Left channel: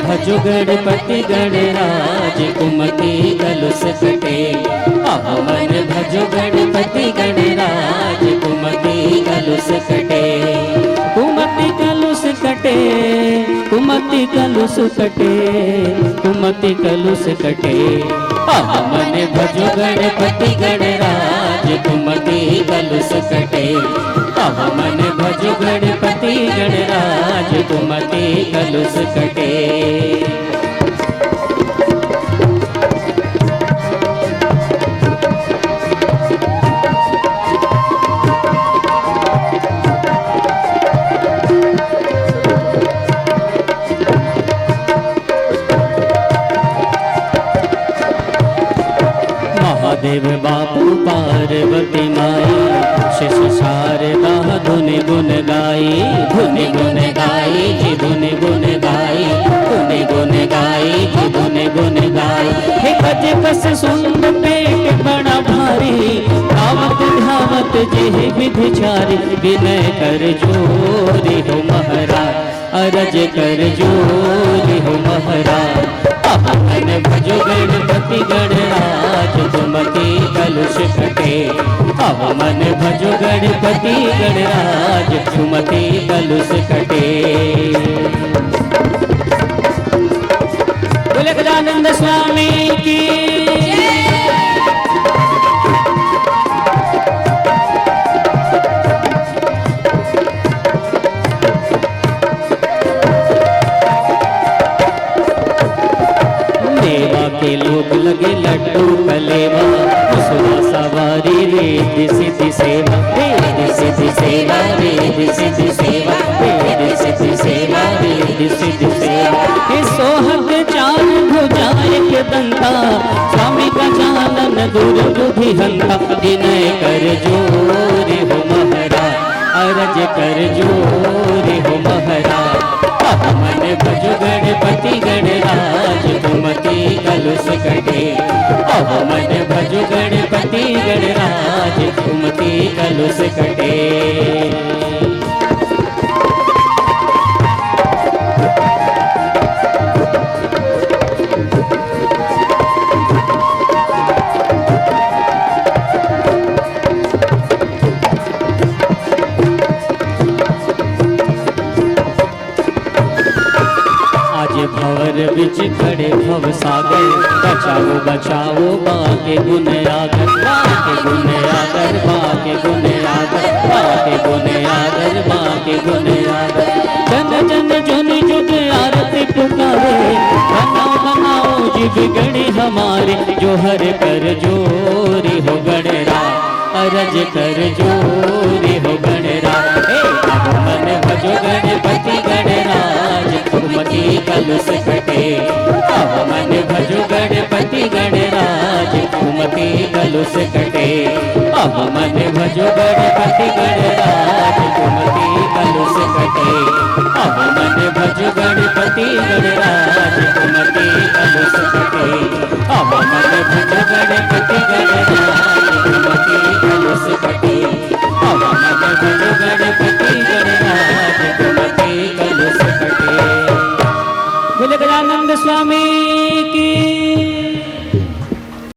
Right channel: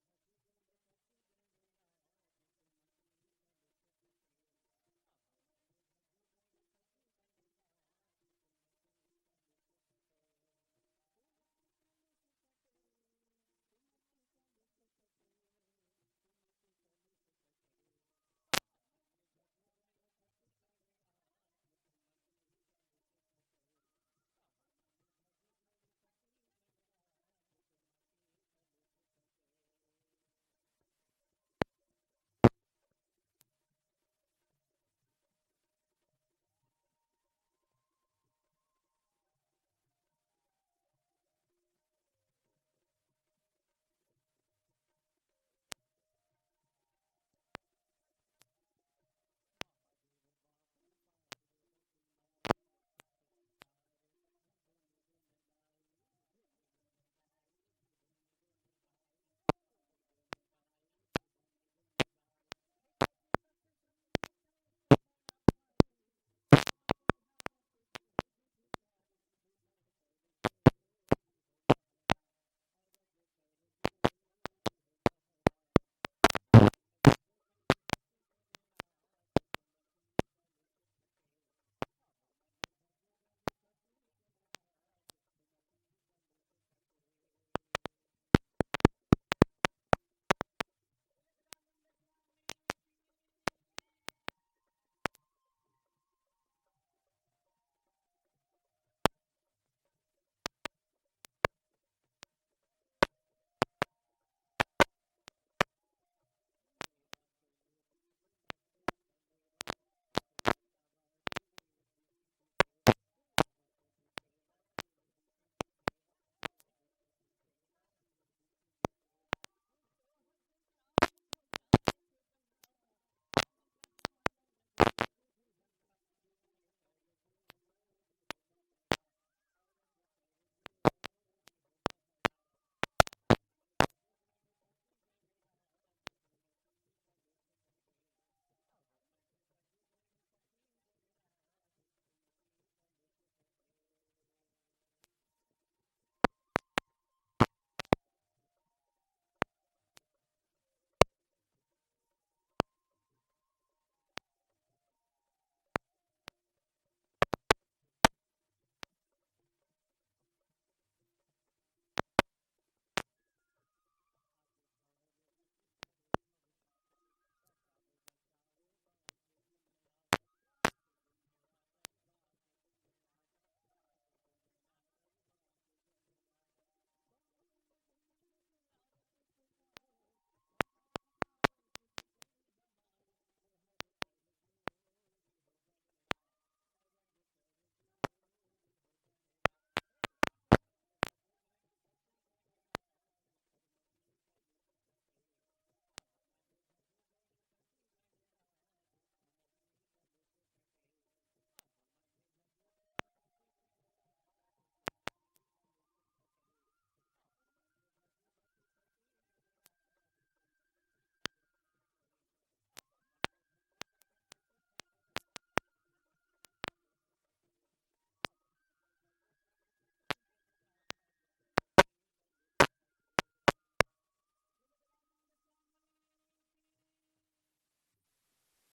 भजो गणपति गणराज कुमति कलुष कटे। मन भजो गणपति गणराज कुमति कलुष कटे। कुमति कलुष कटे, कुमति कलुष कटे, कुमति कलुष कटे। मन भजो गणपति गणराज कुमति कलुष कटे। मन भजो गणपति गणराज कुमति कलुष कटे। महादेव बापू पार्वती माई शिष शारदा धुन गुन गाई। धुन गुन गाई जी धुन गुन गाई। धुन गुन गाई जी धुन गुन गाई। हे गज बस सुंद पेट बड़ा भारी धावत धावत जेहि विधिचारी। विनय कर जोरी हो महाराज अरज कर जोरी हो महाराज। मन भजो गणपति गणराज कुमति कलुष कटे। मन भजो गणपति गणराज कुमति कलुष कटे। बोले गजानंद स्वामी की के लोग लगे लड्डू कलेवा। सुना सवारी रिद्धि सिद्धि सेवा। रिद्धि सिद्धि सेवा रिद्धि सिद्धि सेवा। रिद्धि सिद्धि सेवा रिद्धि सिद्धि सेवा। हे सोहग चार भुजाए के दंता स्वामी का जानन दूर बुद्धि हंता। विनय कर जोरी हो महाराज अरज कर जोरी हो महाराज। मन भजो गणपति गणराज कुमति कलुष कटे। मन भजो गणपति गणराज कुमति कलुष कटे। भवर बिच खड़े भव सागर। बचाओ बचाओ बाके गुण आगर। बाके गुण आगर बाके गुण आगर। बाके गुण आगर बाके गुण आगर। जन जन जुनि जुग आरती पुकारे। बनाओ बनाओ जीव गणे हमारे। जो हर कर जोरी हो गणराज अरज कर जोरी हो गणराज। मन भजो गणपति गणराज कुमति कलुष कटे। मन भजो गणपति गणराज कुमति कलुष कटे। मन भजो गणपति गणराज कुमति कलुष कटे। मन भजो गणपति गणराज कुमति कलुष कटे। मन भजो गणपति गणराज कुमति कलुष कटे। मन भजो गणपति गणराज कुमति कलुष कटे। बोले गजानंद स्वामी की